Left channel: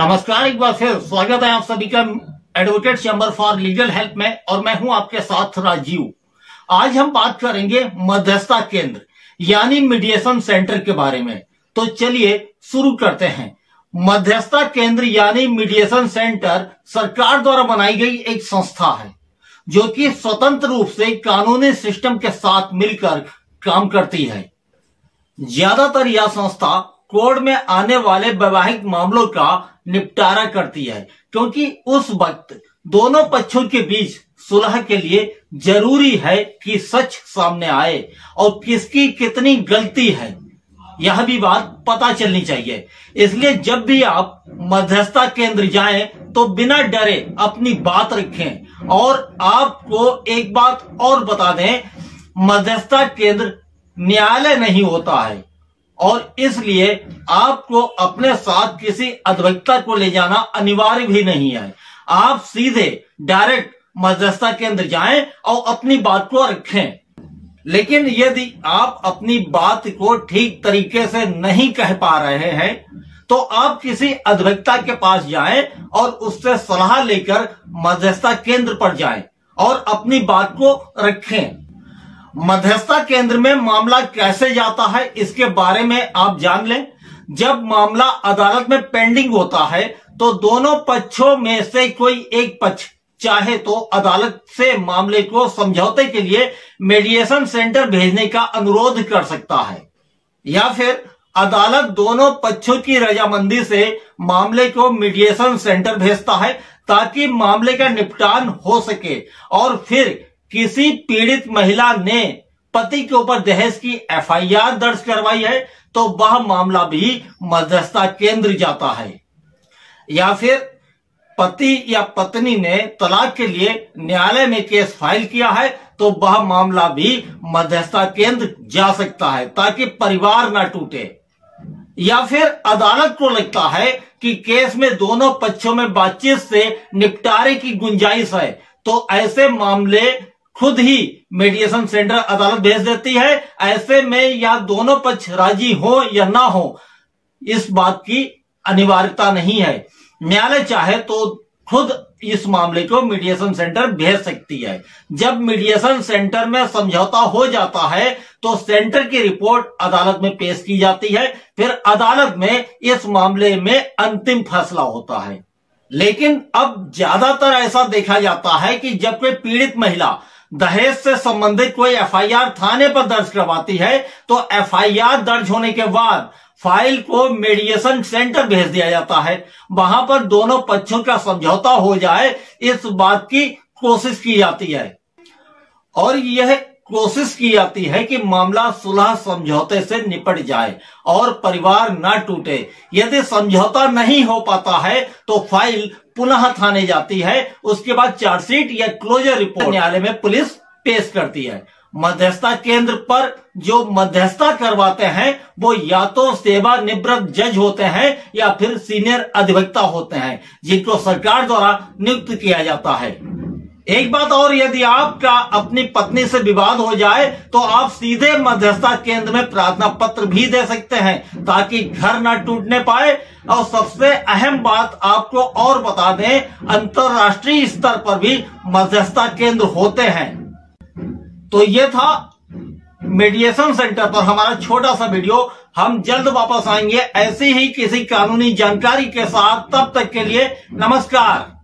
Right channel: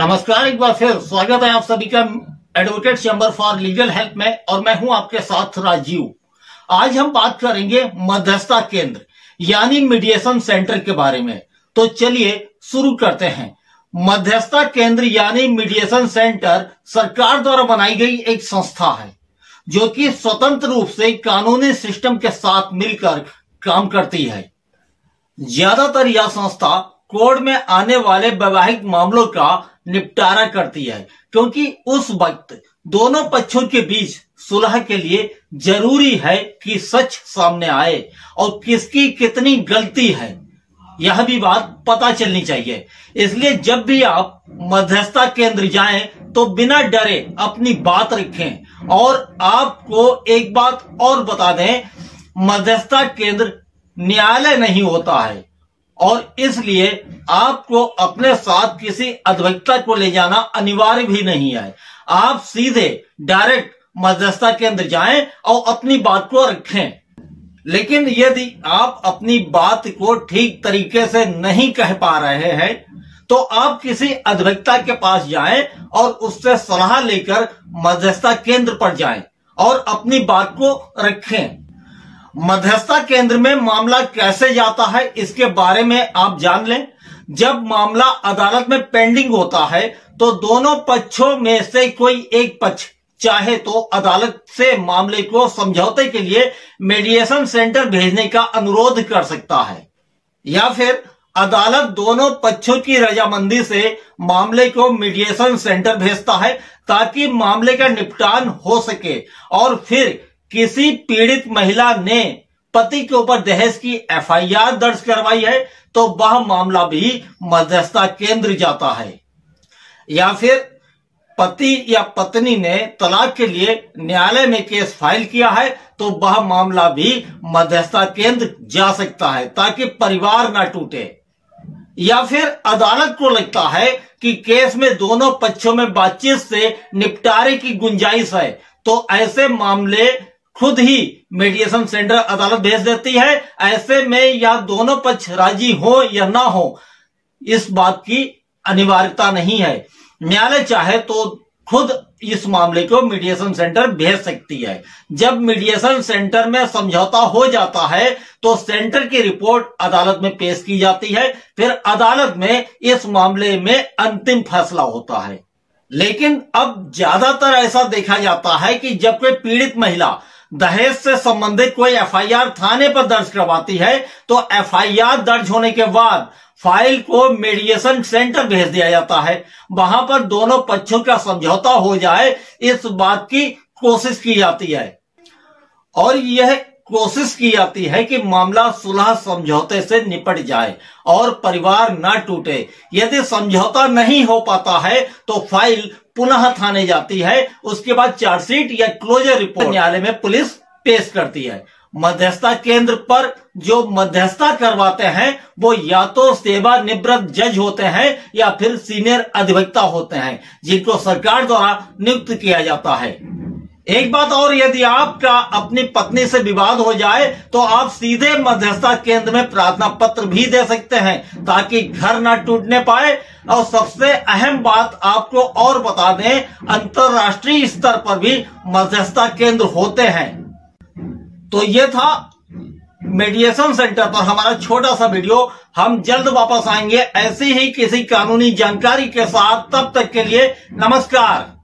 नमस्कार, एक बार फिर स्वागत है आप सभी का advocate chamber for legal help में। और मैं हूं आपके साथ राजीव। आज हम बात करेंगे मध्यस्थता केंद्र यानी मीडिएशन सेंटर के बारे में। तो चलिए शुरू करते हैं। मध्यस्थता केंद्र यानी मीडिएशन सेंटर सरकार द्वारा बनाई गई एक संस्था है जो कि स्वतंत्र रूप से कानूनी सिस्टम के साथ मिलकर काम करती है। ज्यादातर यह संस्था कोर्ट में आने वाले वैवाहिक मामलों का निपटारा करती है, क्योंकि उस वक्त दोनों पक्षों के बीच सुलह के लिए जरूरी है कि सच सामने आए और किसकी कितनी गलती है यह भी बात पता चलनी चाहिए। इसलिए जब भी आप मध्यस्थता केंद्र जाएं तो बिना डरे अपनी बात रखें। और आपको एक बात और बता दें, मध्यस्थता केंद्र न्यायालय नहीं होता है और इसलिए आपको अपने साथ किसी अधिवक्ता को ले जाना अनिवार्य भी नहीं है। आप सीधे डायरेक्ट मध्यस्थता केंद्र जाएं और अपनी बात को रखें। लेकिन यदि आप अपनी बात को ठीक तरीके से नहीं कह पा रहे हैं तो आप किसी अधिवक्ता के पास जाएं और उससे सलाह लेकर मध्यस्थता केंद्र पर जाएं और अपनी बात को रखें। मध्यस्थता केंद्र में मामला कैसे जाता है इसके बारे में आप जान लें। जब मामला अदालत में पेंडिंग होता है तो दोनों पक्षों में से कोई एक पक्ष चाहे तो अदालत से मामले को समझौते के लिए मीडिएशन सेंटर भेजने का अनुरोध कर सकता है, या फिर अदालत दोनों पक्षों की रजामंदी से मामले को मीडिएशन सेंटर भेजता है ताकि मामले का निपटान हो सके। और फिर किसी पीड़ित महिला ने पति के ऊपर दहेज की एफआईआर दर्ज करवाई है तो वह मामला भी मध्यस्थता केंद्र जाता है। या फिर पति या पत्नी ने तलाक के लिए न्यायालय में केस फाइल किया है तो वह मामला भी मध्यस्थता केंद्र जा सकता है ताकि परिवार ना टूटे। या फिर अदालत को लगता है कि केस में दोनों पक्षों में बातचीत से निपटारे की गुंजाइश है तो ऐसे मामले खुद ही मीडिएशन सेंटर अदालत भेज देती है। ऐसे में या दोनों पक्ष राजी हो या ना हो इस बात की अनिवार्यता नहीं है। न्यायालय चाहे तो खुद इस मामले को मीडिएशन सेंटर भेज सकती है। जब मीडिएशन सेंटर में समझौता हो जाता है तो सेंटर की रिपोर्ट अदालत में पेश की जाती है। फिर अदालत में इस मामले में अंतिम फैसला होता है। लेकिन अब ज्यादातर ऐसा देखा जाता है कि जब कोई पीड़ित महिला दहेज से संबंधित कोई एफआईआर थाने पर दर्ज करवाती है तो एफआईआर दर्ज होने के बाद फाइल को मीडिएशन सेंटर भेज दिया जाता है। वहां पर दोनों पक्षों का समझौता हो जाए इस बात की कोशिश की जाती है और यह कोशिश की जाती है कि मामला सुलह समझौते से निपट जाए और परिवार ना टूटे। यदि समझौता नहीं हो पाता है तो फाइल पुनः थाने जाती है। उसके बाद चार्जशीट या क्लोजर रिपोर्ट न्यायालय में पुलिस पेश करती है। मध्यस्थता केंद्र पर जो मध्यस्थता करवाते हैं वो या तो सेवानिवृत्त जज होते हैं या फिर सीनियर अधिवक्ता होते हैं जिनको सरकार द्वारा नियुक्त किया जाता है। एक बात और, यदि आपका अपनी पत्नी से विवाद हो जाए तो आप सीधे मध्यस्थता केंद्र में प्रार्थना पत्र भी दे सकते हैं ताकि घर ना टूटने पाए। और सबसे अहम बात आपको और बता दें, अंतरराष्ट्रीय स्तर पर भी मध्यस्थता केंद्र होते हैं। तो ये था मीडिएशन सेंटर पर हमारा छोटा सा वीडियो। हम जल्द वापस आएंगे ऐसी ही किसी कानूनी जानकारी के साथ। तब तक के लिए नमस्कार।